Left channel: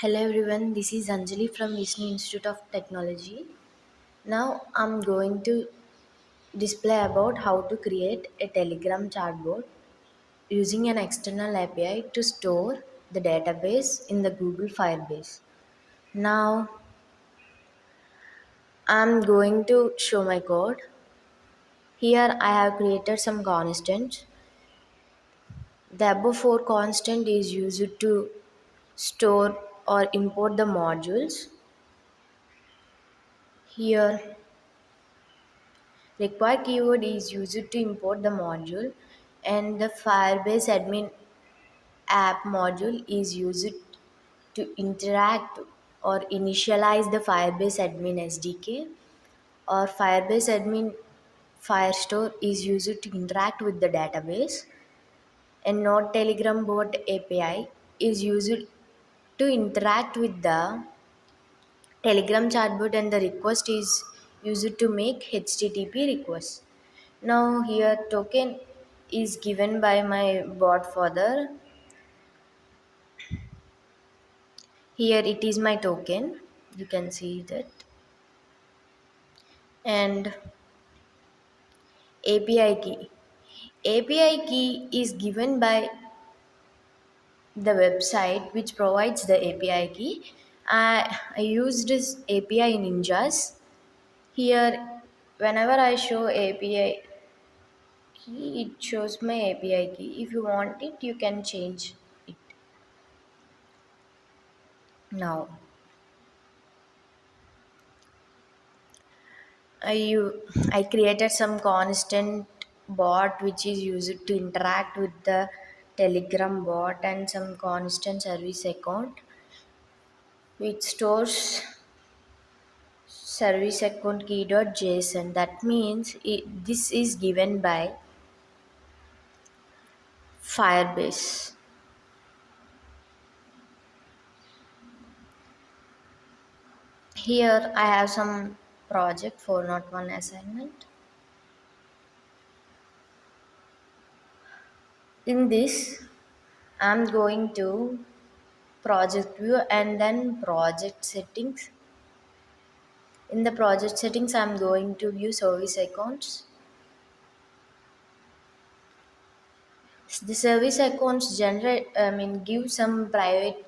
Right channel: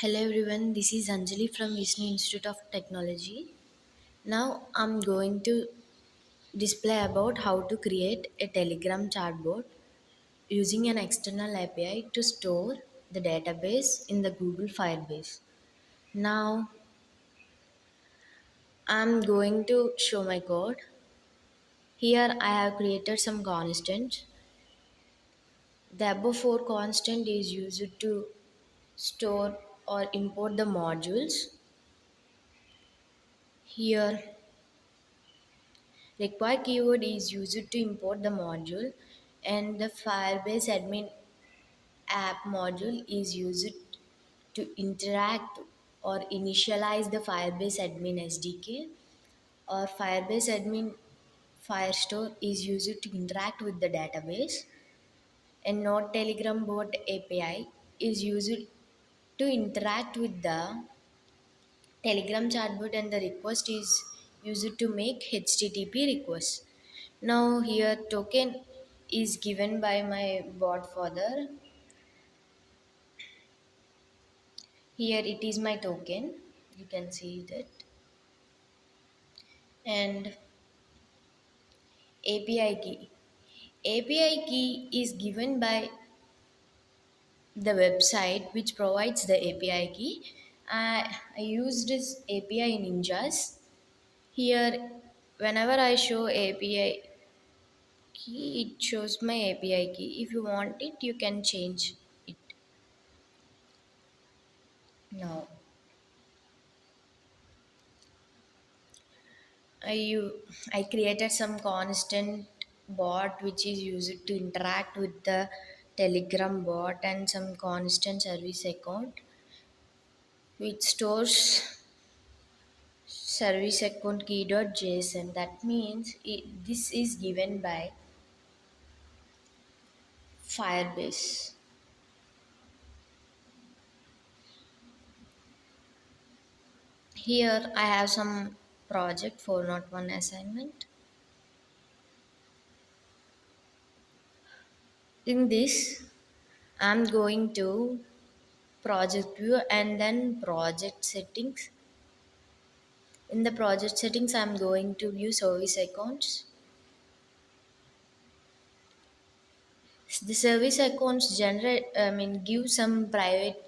Hello everyone, this is Anjali from Vishnu Institute of Technology. Now I'm going to display about how to create a Telegram chatbot using an external API to store the database in the Google Firebase. Now I'm going to show my code. Here I have created some constants. The above four constant is used to store or import the modules. Here require keyword is used to import the module, and the Firebase admin app module is used to interact or initialize the Firebase admin SDK, or Firebase admin Firestore is used to interact with the database, and Node Telegram bot API is used to interact with the Telegram chatbot, and the request is used to make HTTP requests. Now here token is given by my bot father. Here it is my token. You can see that. And API key. API key is given by the website which provides the API key. I used this API ninjas. Here whenever I show API key, it shows my API key. If you want it, you can change it. Now I created some constant bot which is used to interact with the Telegram bot, and some constant service account which stores service account key.json. That means this is given by Firebase. Here I have some project 401 assignment. In this I'm going to project view and then project settings. In the project settings, I'm going to view service accounts. The service accounts give some private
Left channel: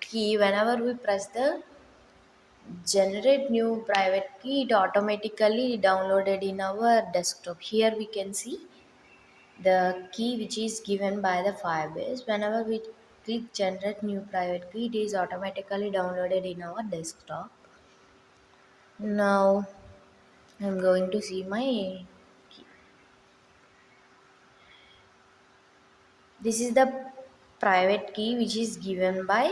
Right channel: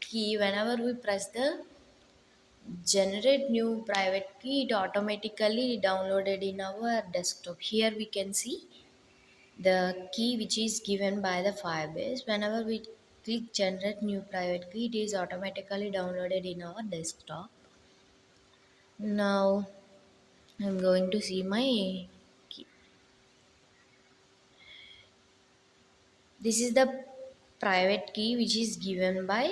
key. Whenever we press the generate new private key, it automatically downloaded in our desktop. Here we can see the key which is given by the Firebase. Whenever we click generate new private key, it is automatically downloaded in our desktop. Now I'm going to see my key. This is the private key which is given by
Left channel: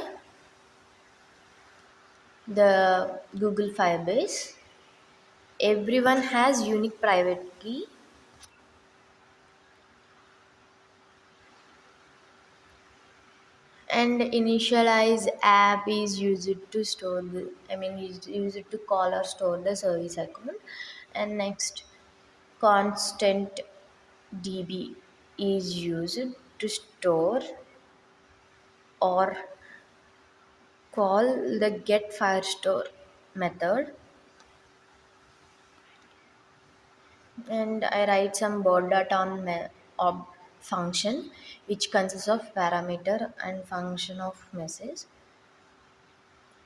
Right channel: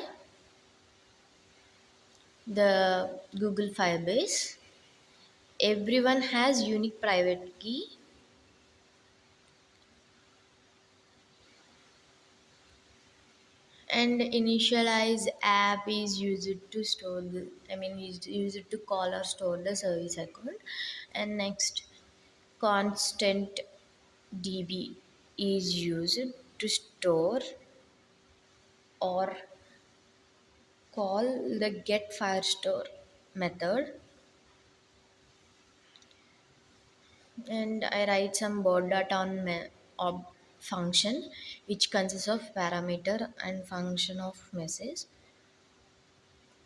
the Google Firebase. Everyone has unique private key, and initialize app is used to store the is used to call or store the service account. And next, constant db is used to store or call the get firestore method. And I write some board data on function which consists of parameter and function of message.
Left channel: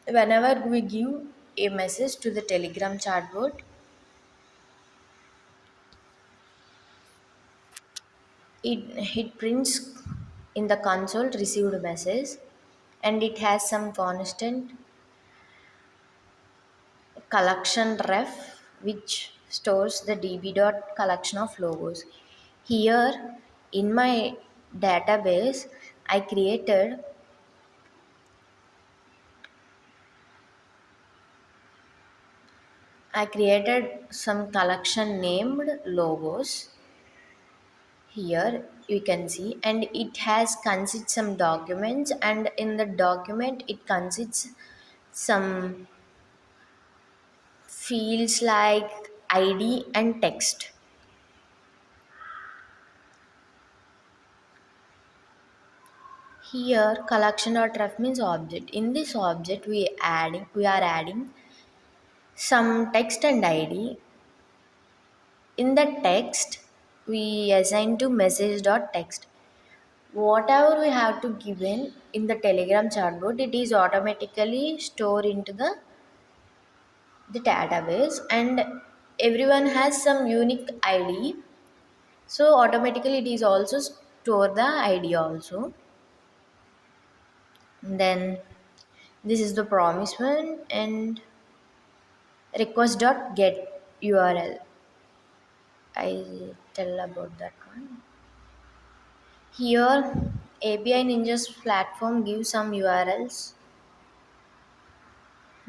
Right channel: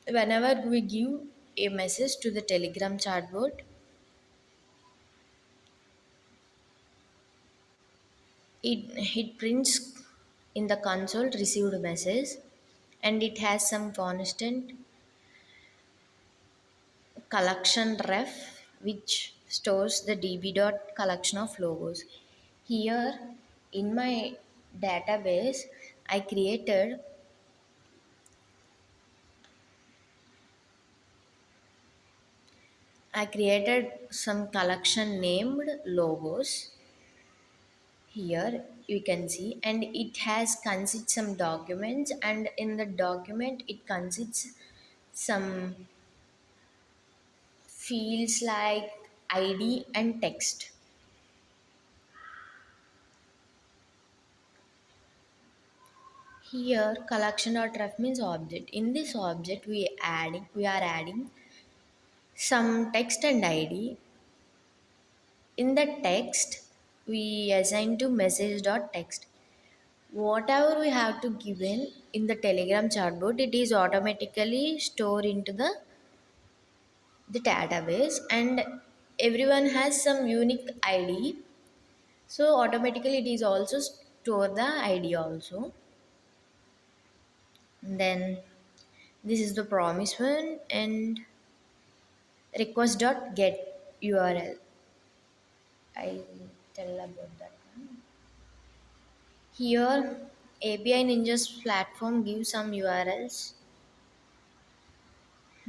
Whenever we give a message to the Telegram chatbot, it prints in the console received message, and it has some constant collection ref which stores the db dot collection of logos. Here in my database I created some collection named logos. Here you can see, and it has consists some documents, and in the document it consists some fields like id and text. Here collection.ref means object. In this object we are adding some text and id. In the text we assign to message.text. Whatever we have to give in the telegram chatbot, it is automatically stored into the database, and everyone has some unique id, so automatically it is also store the id also. Then this is the promise one, and request.get url. I'll tell about that one. Here API Ninja's platform gives some urls,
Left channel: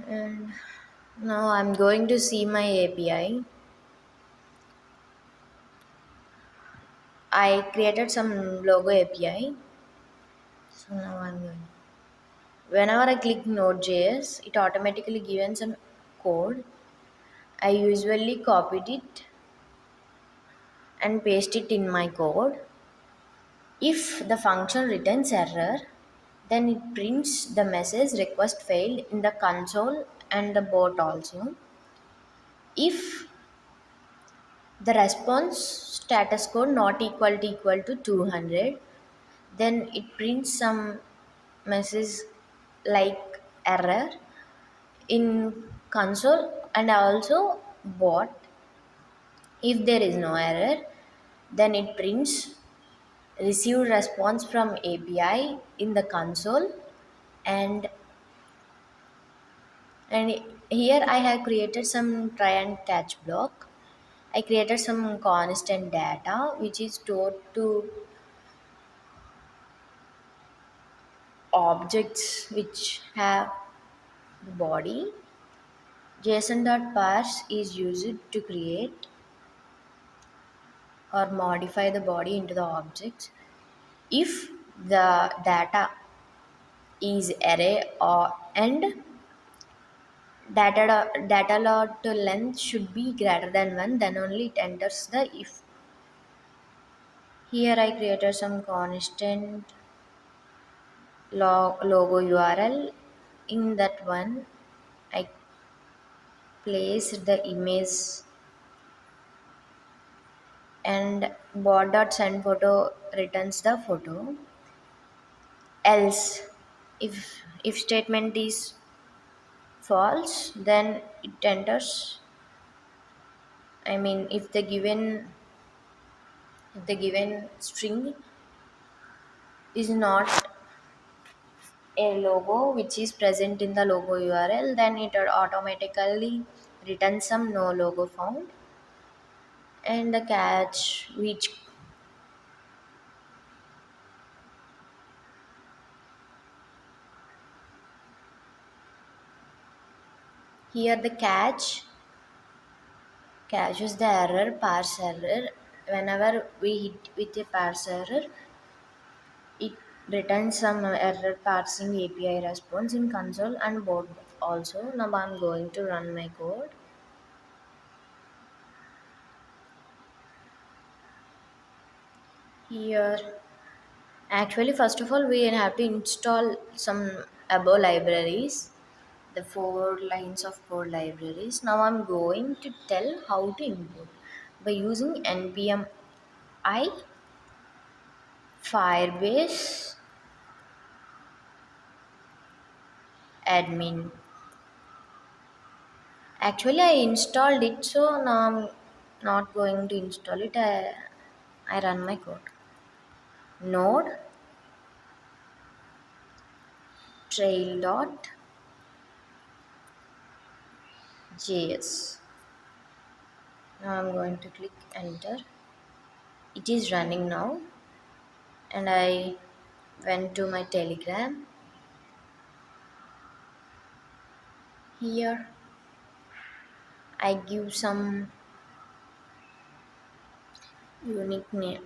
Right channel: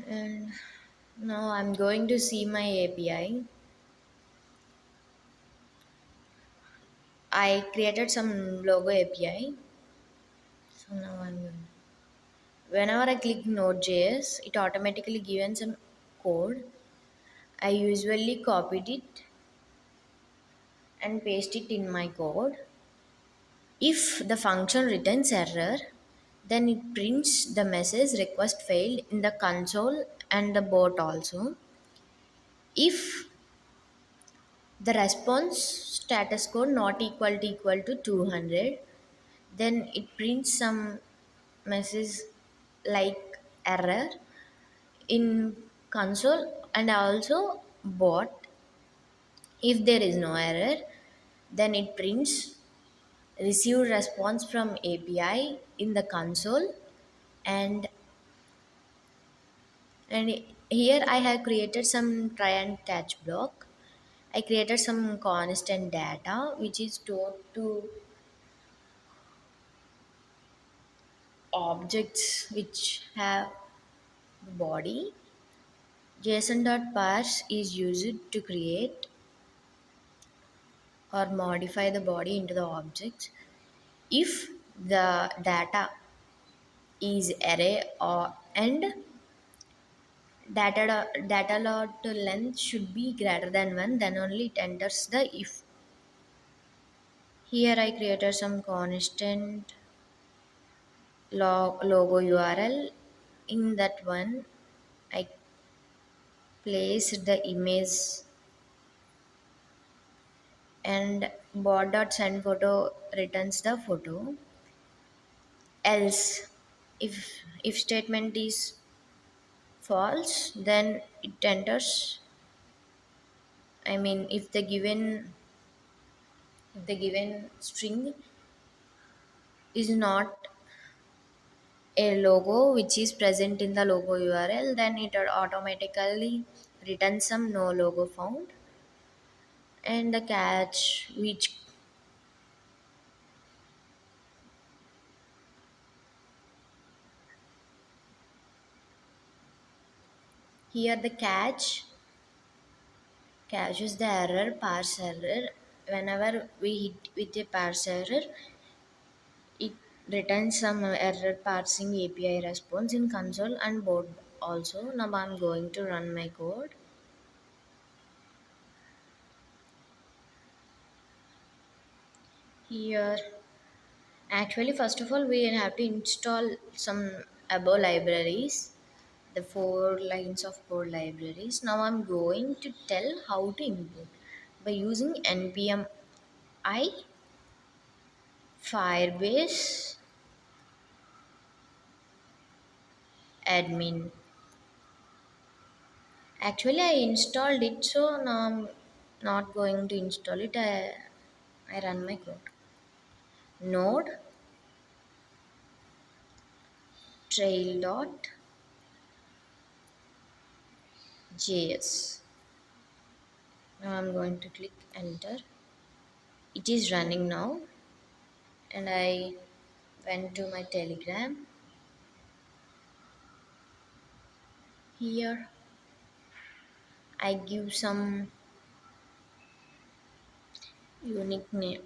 and now I'm going to see my API. I created some logo API. So now I'm going. Whenever I click Node.js, it automatically gives some code. I usually copied it and paste it in my code. If the function returns error, then it prints the message request failed in the console and the bot also. If the response status code not equal to 200, then it prints some message like error in console and also bot. If there is no error, then it prints received response from API in the console, and and here I have created some try and catch block. I created some constant data which is stored to objects which have the body. JSON.parse is used to create or modify the body into the objects. If the data is array or and data lot length should be greater than 1, then only it enters the if. Here I created some constant logo URL. In that one I placed the image, and bot.send photo returns the photo. Else, if statement is false, then it enters. I mean, if the given string is not a logo which is present in the logo URL, then it automatically returns some no logo found. And the catch which here the catches the error, parse error. Whenever we hit with a parse error, it returns some error parsing API response in console and board also. Now I'm going to run my code. Here, actually, first of all, we have to install some above libraries, the 4 lines of code libraries. Now I'm going to tell how to import by using npm I firebase admin. Actually, I installed it, so now I'm not going to install it. I run my code. Node trail.js. Now I'm going to click enter. It is running now, and I went to my telegram. Here I give some unique name,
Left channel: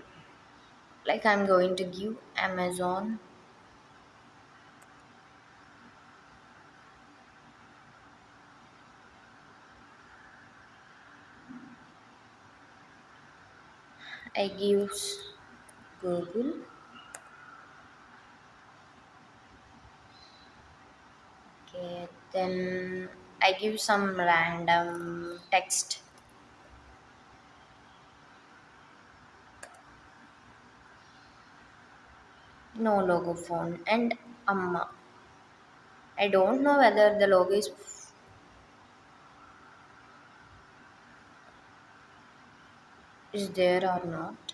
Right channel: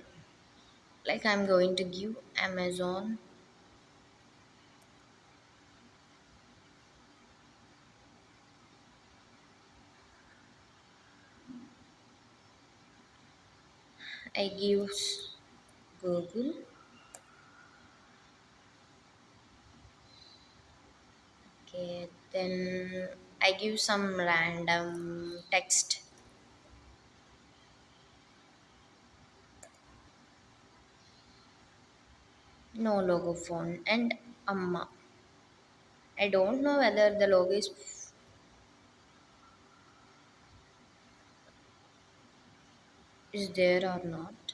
like I'm going to give Amazon. I give Google. Then I give some random text. No logo phone and Amma. I don't know whether the logo is there or not.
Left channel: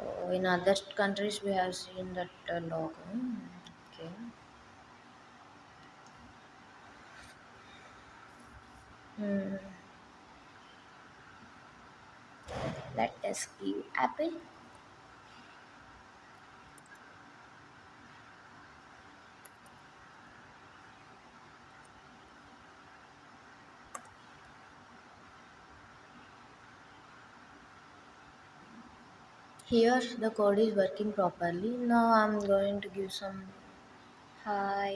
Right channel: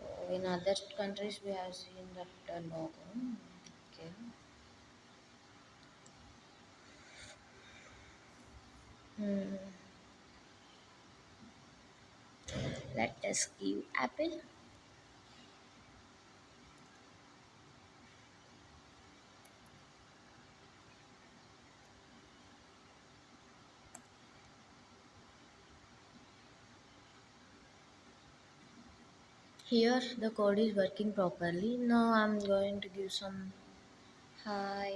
Oh, in other countries, we have seen that logo. Okay. Hmm. Let us give apple. Here, the code is working properly. Now I'm going to give some hi.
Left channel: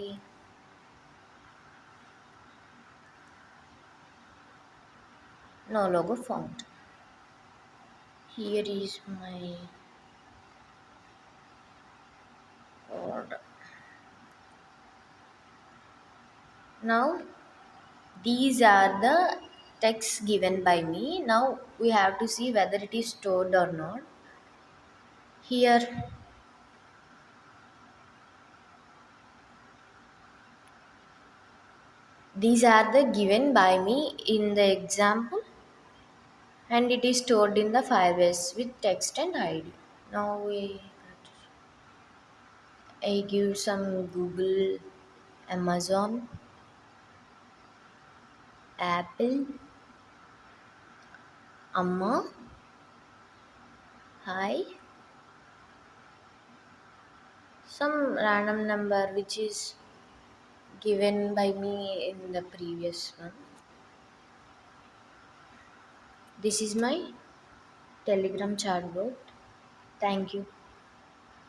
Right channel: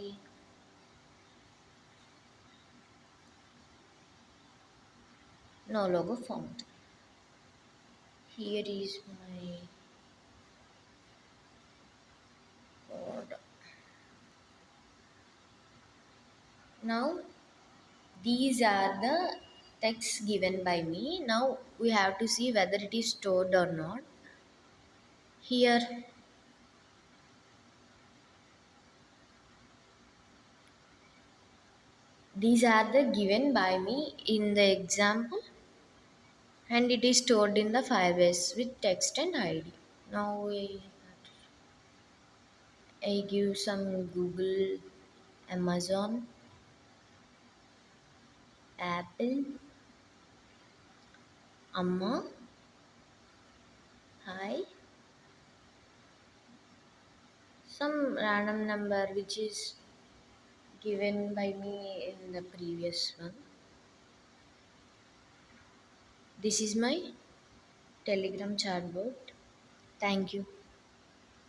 No logo found. Here is my code. Now these are the texts given by me. Now we have to see whether it is stored or not. Here, these are the given by me in the example, and it is stored in the Firebase with text and ID. Now I give some Google, Amazon, Apple, Amma, hi, some random number which is given by me in the previous one. This is my Telegram chatbot. Thank you.